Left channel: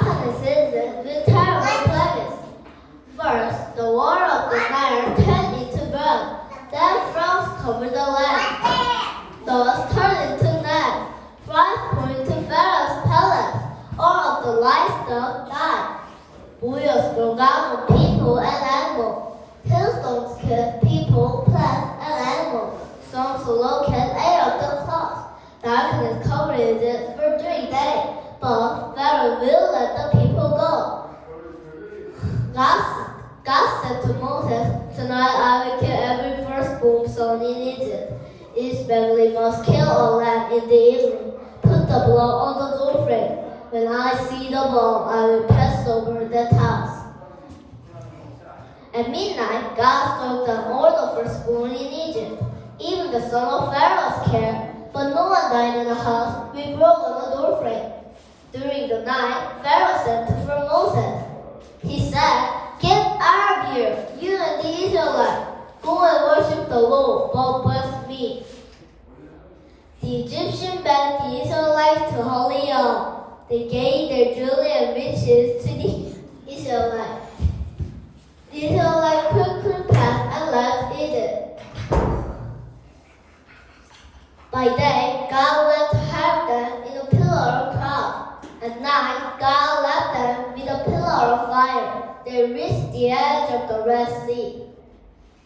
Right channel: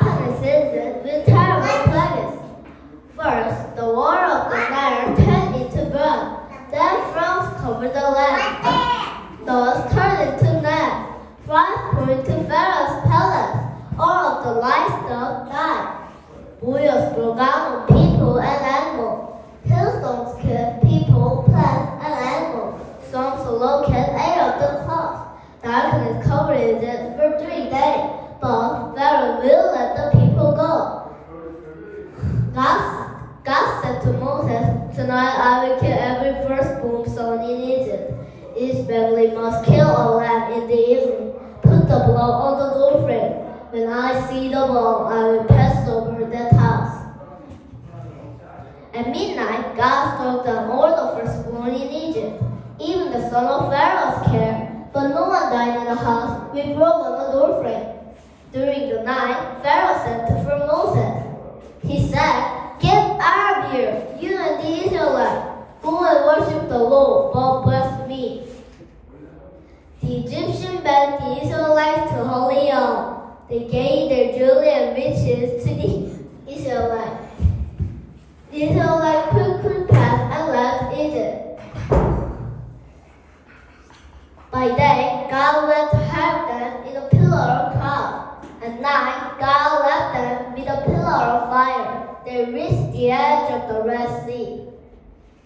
darkness season with terrible plagues. First, the water of the Nile turned into blood. Then frogs covered the land. Those turned into gnats. Flies poured into Pharaoh's palace. All of the livestock died. Boils broke out on people and animals. Hailstones killed people, plants, and animals. Storms of locusts ate up the crops. Darkness covered it for 3 days. But Pharaoh will let the people go. God said to Moses, "Tonight I will kill every firstborn son in Egypt. Each family must kill a lamb in the evening. Put the blood on the doorframe. When I see the blood, I will pass over that house." At midnight, God struck down all the firstborn in Egypt, even the son of Pharaoh's care. But no one died in the house with blood on the doorframe. During the night, Pharaoh sent for Moses. He said, "Get out of here, you and the Israelites. Go and worship the Lord, but bless me." The Egyptians begged the Israelites to hold on. They gave their jewelry and riches to the Israelites. The Israelites quickly passed and left Egypt. By day, God went to help them in a pillar of cloud. At night, God led them with a pillar of fire. They reached the edge of the Red Sea.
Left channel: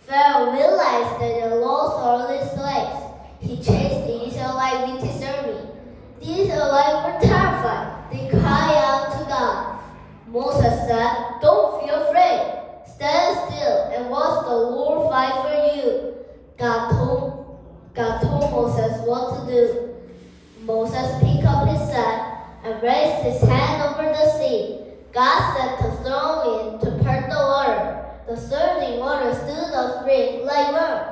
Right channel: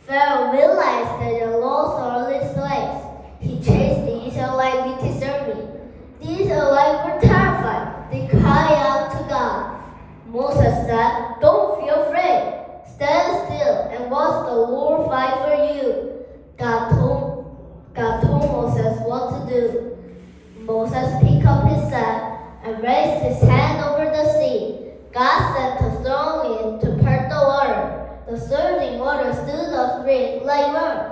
Pharaoh realized that they lost all his slaves. He chased the Israelites with his army. The Israelites were terrified. They cried out to God. Moses said, "Don't be afraid. Stand still and watch the Lord fight for you." God told Moses what to do. Moses picked up his staff and raised his hand over the sea. God sent a strong wind to part the water. The surging water stood up straight like rock.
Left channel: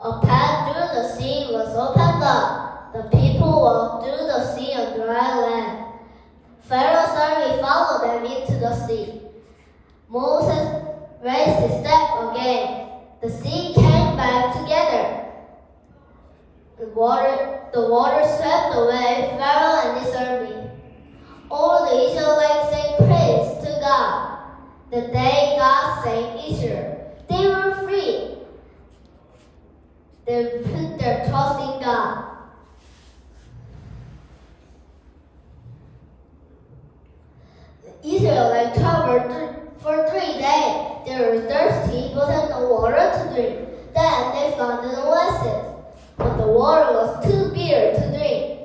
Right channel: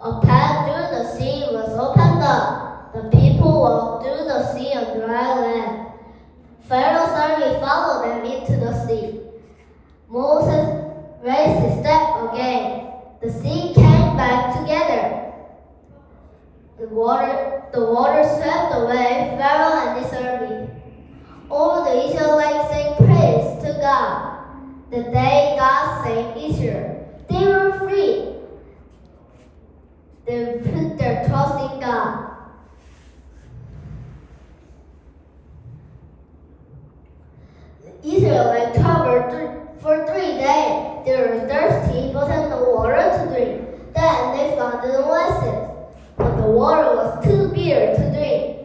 A path through the sea was opened up. The people walked through the sea on dry land. Pharaoh's army followed them into the sea. Moses raised his staff again. The sea came back together. The water swept away Pharaoh and his army. All the Israelites sang praise to God. The day God saved Israel, they were free. They put their trust in God. The Israelites traveled for 3 days. They were thirsty but had no water to drink. Then they found an oasis, but the water was too bitter to drink.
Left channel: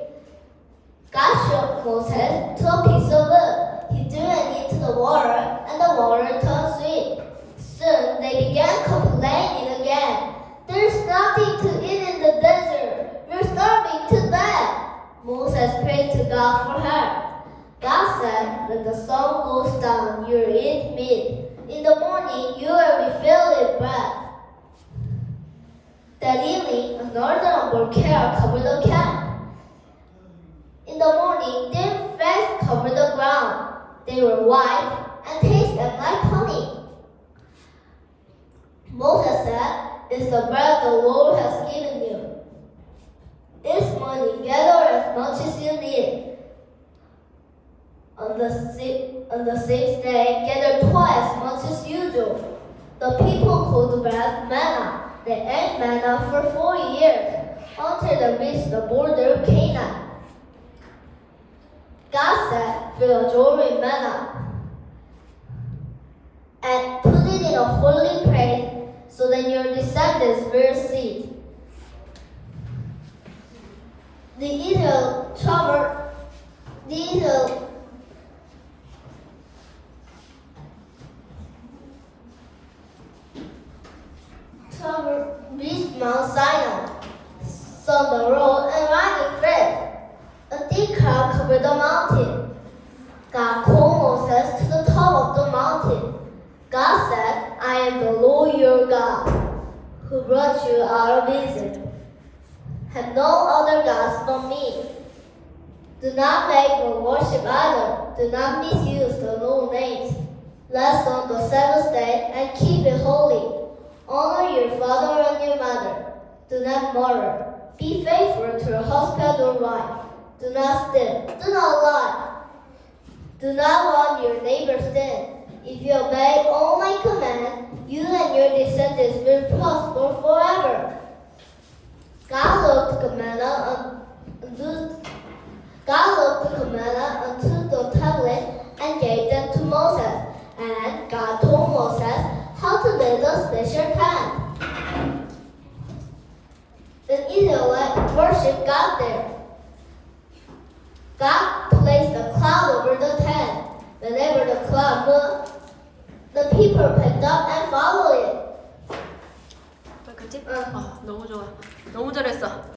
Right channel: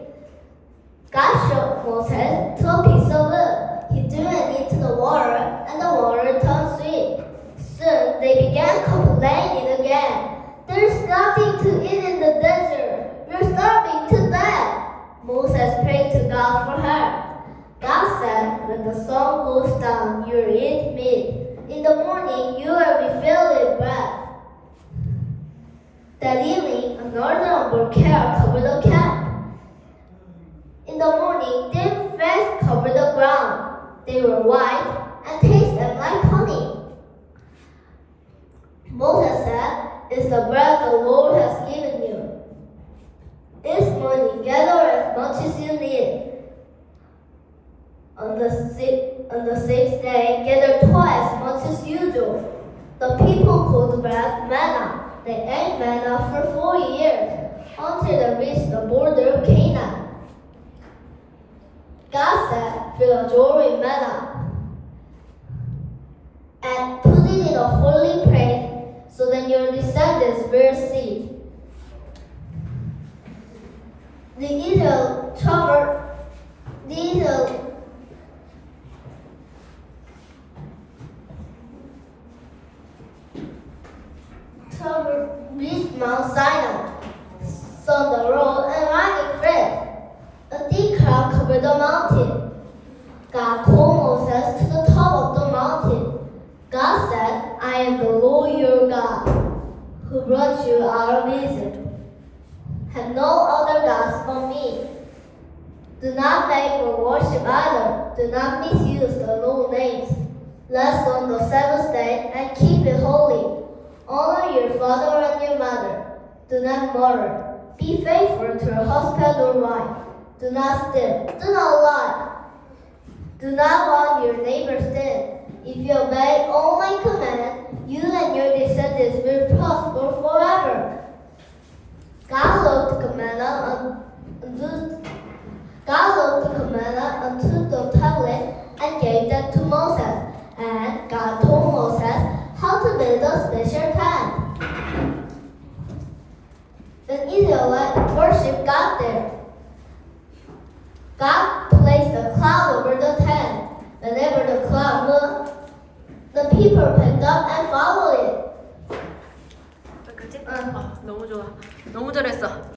God showed Moses to a piece of wood. He threw it into the water, and the water turned sweet. Soon they began complaining again. "There's nothing to eat in the desert. We're starving to death." Moses prayed to God for help. God said, "When the sun goes down, you will eat meat. In the morning, you will be filled with bread." That evening, a northern volcano covered the camp. In the morning, dim flags covered the ground. They were white and tasted like honey. Moses said, "It's the bread the Lord has given you. This morning, gather as much as you need." On the sixth day, gather twice as much as usual. The people called the bread manna. They ate manna for 4 years until they reached the border of Canaan. God said, "Fill a jar with manna and put it in a holy place so that your descendants will see." The Israel reached Mount Sinai, saw the road and riding fresh. A thick cloud covered the mountain. God called Moses to the top of the mountain. God said, "I am the Lord your God, who brought you out of Egypt. Have no other gods but me. Do not make or worship idol. Do not misuse the Lord's names. Rest on the Sabbath day and keep it holy. Honor your father and your mother. Do not murder. Be faithful to your husband or wife. Do not steal. Do not lie. Do not want your neighbor's sin. If you obey all my commands, you and your descendants will prosper forever. God wrote the commandment onto the tablet and gave them to Moses. And God told Moses how to build a special tent. The Israelites worshiped God there. God placed a cloud over the tent. Whenever the cloud moved, the people picked up and followed it. 그치? 너무 좋아. 너무 잘했어.